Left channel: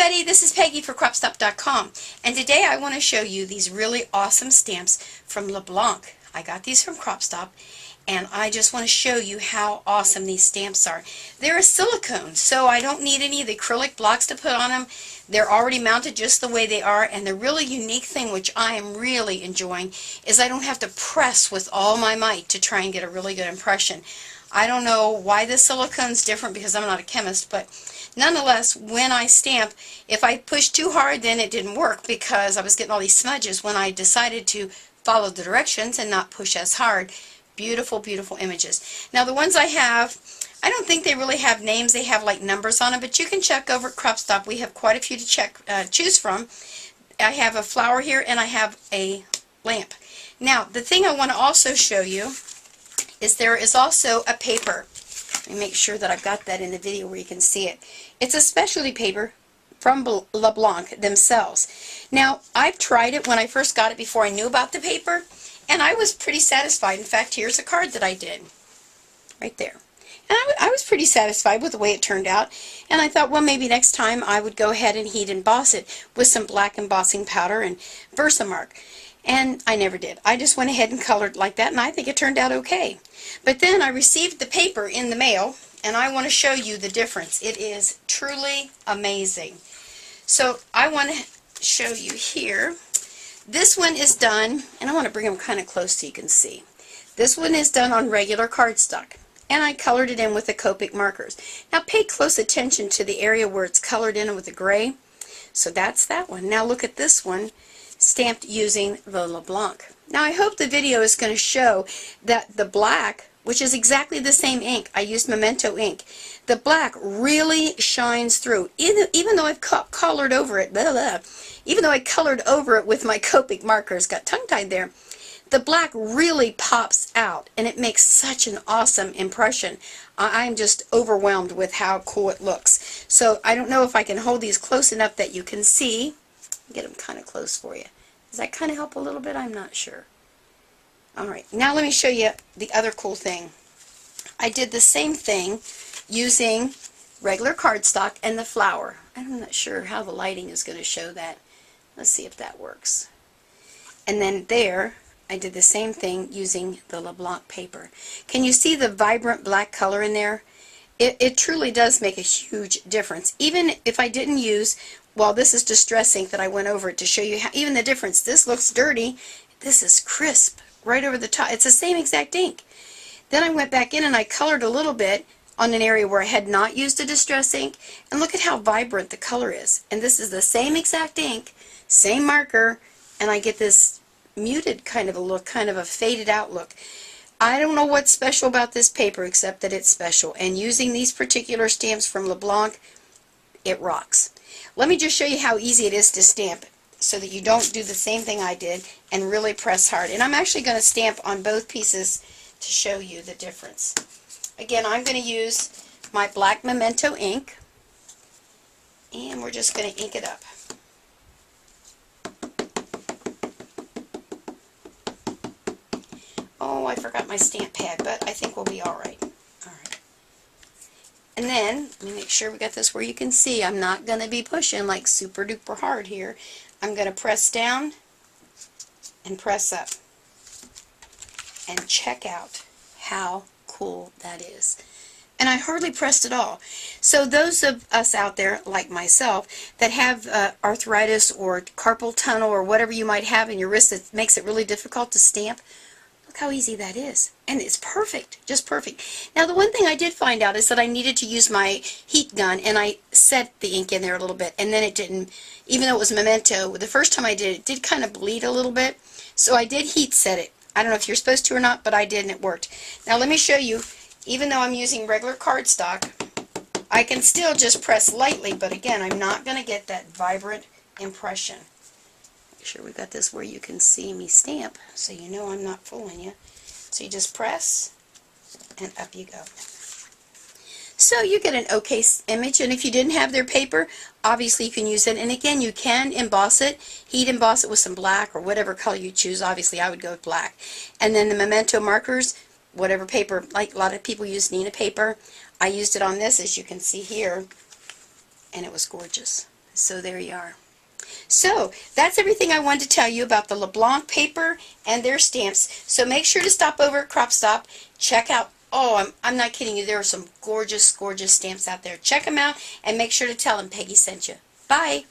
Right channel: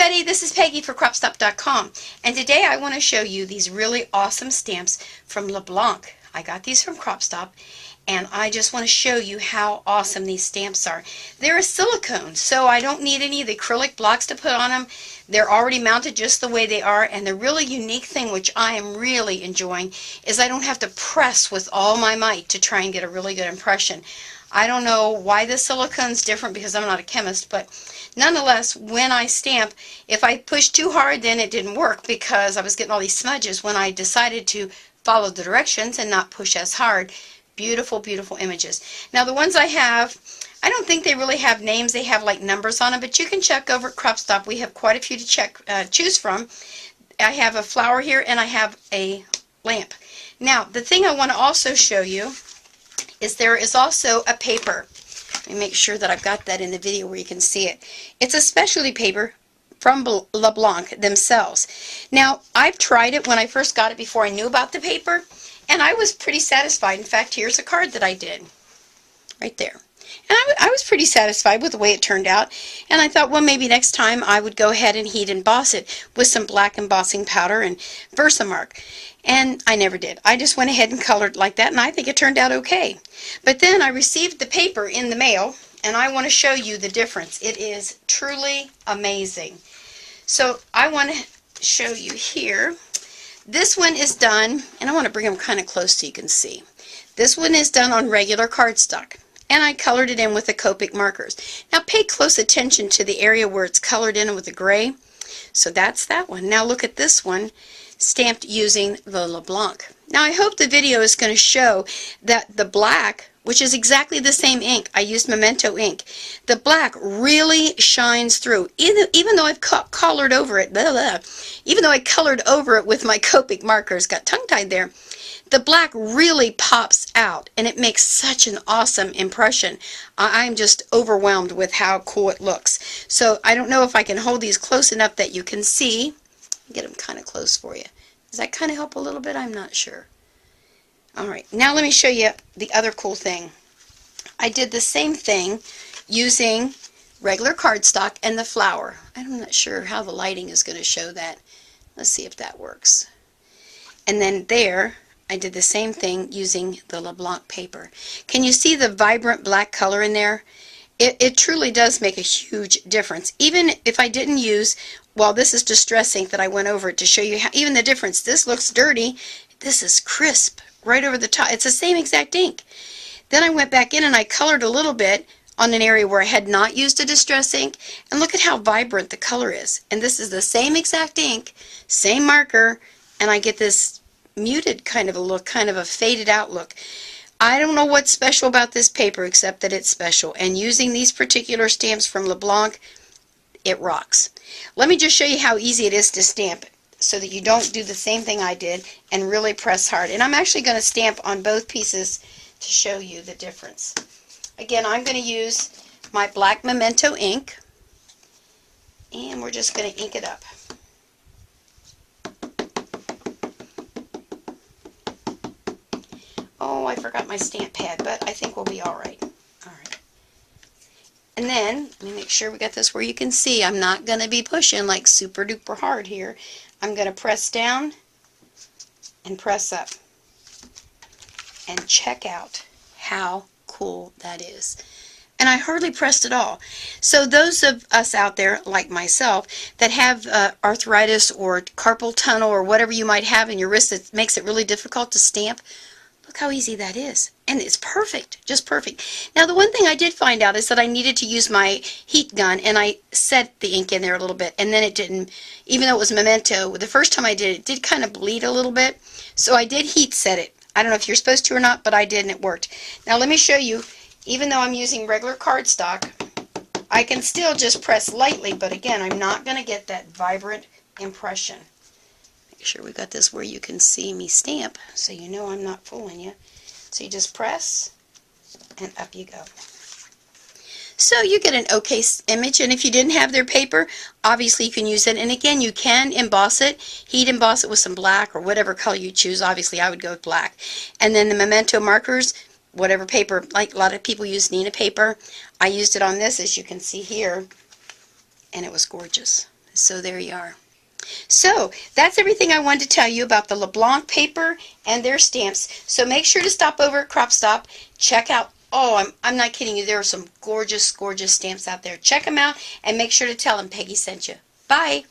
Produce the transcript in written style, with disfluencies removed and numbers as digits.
everybody, this is Peggy for CropStop.com, and today I want to show you these really awesome stamps from LaBlanche. I got these from CropStop, and I just want to show you how awesome these stamps are. They're a silicone, so I don't need any of the acrylic blocks to put on them. They're already mounted just the way they are, and the really unique thing, which I am really enjoying, is I don't have to press with all my might to try and get a really good impression. I don't know why the silicone's different because I'm not a chemist, but nonetheless, when I stamp, if I push too hard, then it didn't work because I was getting all these smudges. When I decided to follow the directions and not push as hard, beautiful, beautiful images. Now, the ones I have, I don't think they really have names. They have like numbers on them, but you can check over at CropStop. We have quite a few to choose from. I have a flower here, and I have a lamp. Now, the thing I want to also show you is there is also a paper. Let me make sure that I've got that in the video where you can see it. It's a specialty paper from LaBlanche themselves. Now, I've tried it when I first got it before I knew about the paper, and I was pretty satisfied. In fact, here's a card that I did right there. And I was pretty satisfied with the way it turned out, and I thought, well, maybe next time I would go ahead and heat emboss it with some black embossing powder and Versamark. And I never did. I just went ahead and colored like that, and I think it turned out okay. But then I received the paper in the mail, and I want to show you the difference. It is truly amazing. So I want to show you here. This one is done, and I want to bring them kind of close so you can see. This one is done on regular cardstock, and I colored it in with the Copic markers. Now pay close attention to the area where it's colored in with the gray. So that's that one. Now look at this one, stamped using the LaBlanche. Now I hope the video is going to show that the black, which is exactly the same ink, I used Memento ink, the black really shines through. Even though I've colored over it, even though I colored over it with my Copic markers, got tongue-tied there, the black really pops out, and it makes such an awesome impression. I'm just overwhelmed with how cool it looks. So I don't know if I can hold these close enough that you can see. Get them kind of close for you. Does that kind of help a little bit? I'm not sure. Alright, now let me show you the other cool thing. I did the same thing using regular cardstock and the flower. I'm not sure how the lighting is going to show that. Let's see if that works. And then there, I did the same thing using the LaBlanche paper. Can you see the vibrant black color in there? It truly does make a huge difference. Even if I didn't use, well, this is distress ink that I went over it to show you how, even the difference. This looks dirty. This is crisp right over the top. It's the same exact ink. Then I went back in and I colored a little bit on an area where I had not used a distress ink, and look at how vibrant the color is. And this is the same exact ink, same marker, and I get this muted kind of a look, kind of a faded out look. I don't know what's special about this paper except that it's special, and using these particular stamps from LaBlanche, it rocks. Let me just show you how easy it is to stamp so that you don't do the same thing I did and really press hard. And I'm actually going to stamp on both pieces to show you the difference. Again, I'm going to use my black Memento ink, and we're just going to ink it up. Oh, I forgot my stamp pad, but I think we'll be alright. Alright. And then, let me make sure we got this where you can see. I'm not going to be pushing like super duper hard here. I'm going to press down and press up. And check out how cool that is. And I hardly pressed at all. So those of us out there, like myself, that have arthritis or carpal tunnel or whatever you might have in your wrist that makes it really difficult to stamp, look how easy that is. And it's perfect, just perfect. Now the one thing I did find out is that I needed to use my heat gun, and I set the ink in there a little bit, and then it didn't, even though it was Memento, the first time I did it did kind of bleed a little bit. So I did heat set it. I don't know if you're supposed to or not, but I did and it worked. Now let me show you, even though I'm using regular cardstock, I can still just press lightly, but again, I'm not going to get that vibrant impression. Make sure we got this where you can see me stamp, so you know I'm not fooling you. So you just press, and up you go. So you get an okay image, and if you didn't have their paper, obviously you can use it. And again, you can emboss it, heat emboss it with some black or whatever color you choose. Obviously I would go with black. And then the Memento markers, whatever paper, like a lot of people use Nina paper. I used it on this, as you can see here, and it was gorgeous. So there you are. So that's everything I wanted to tell you about the LaBlanche paper and their stamps. So make sure to stop over at CropStop. Check out, oh, I'm not kidding you, there are some gorgeous, gorgeous stamps out there. Check them out and make sure to tell them Peggy sent you. Bye.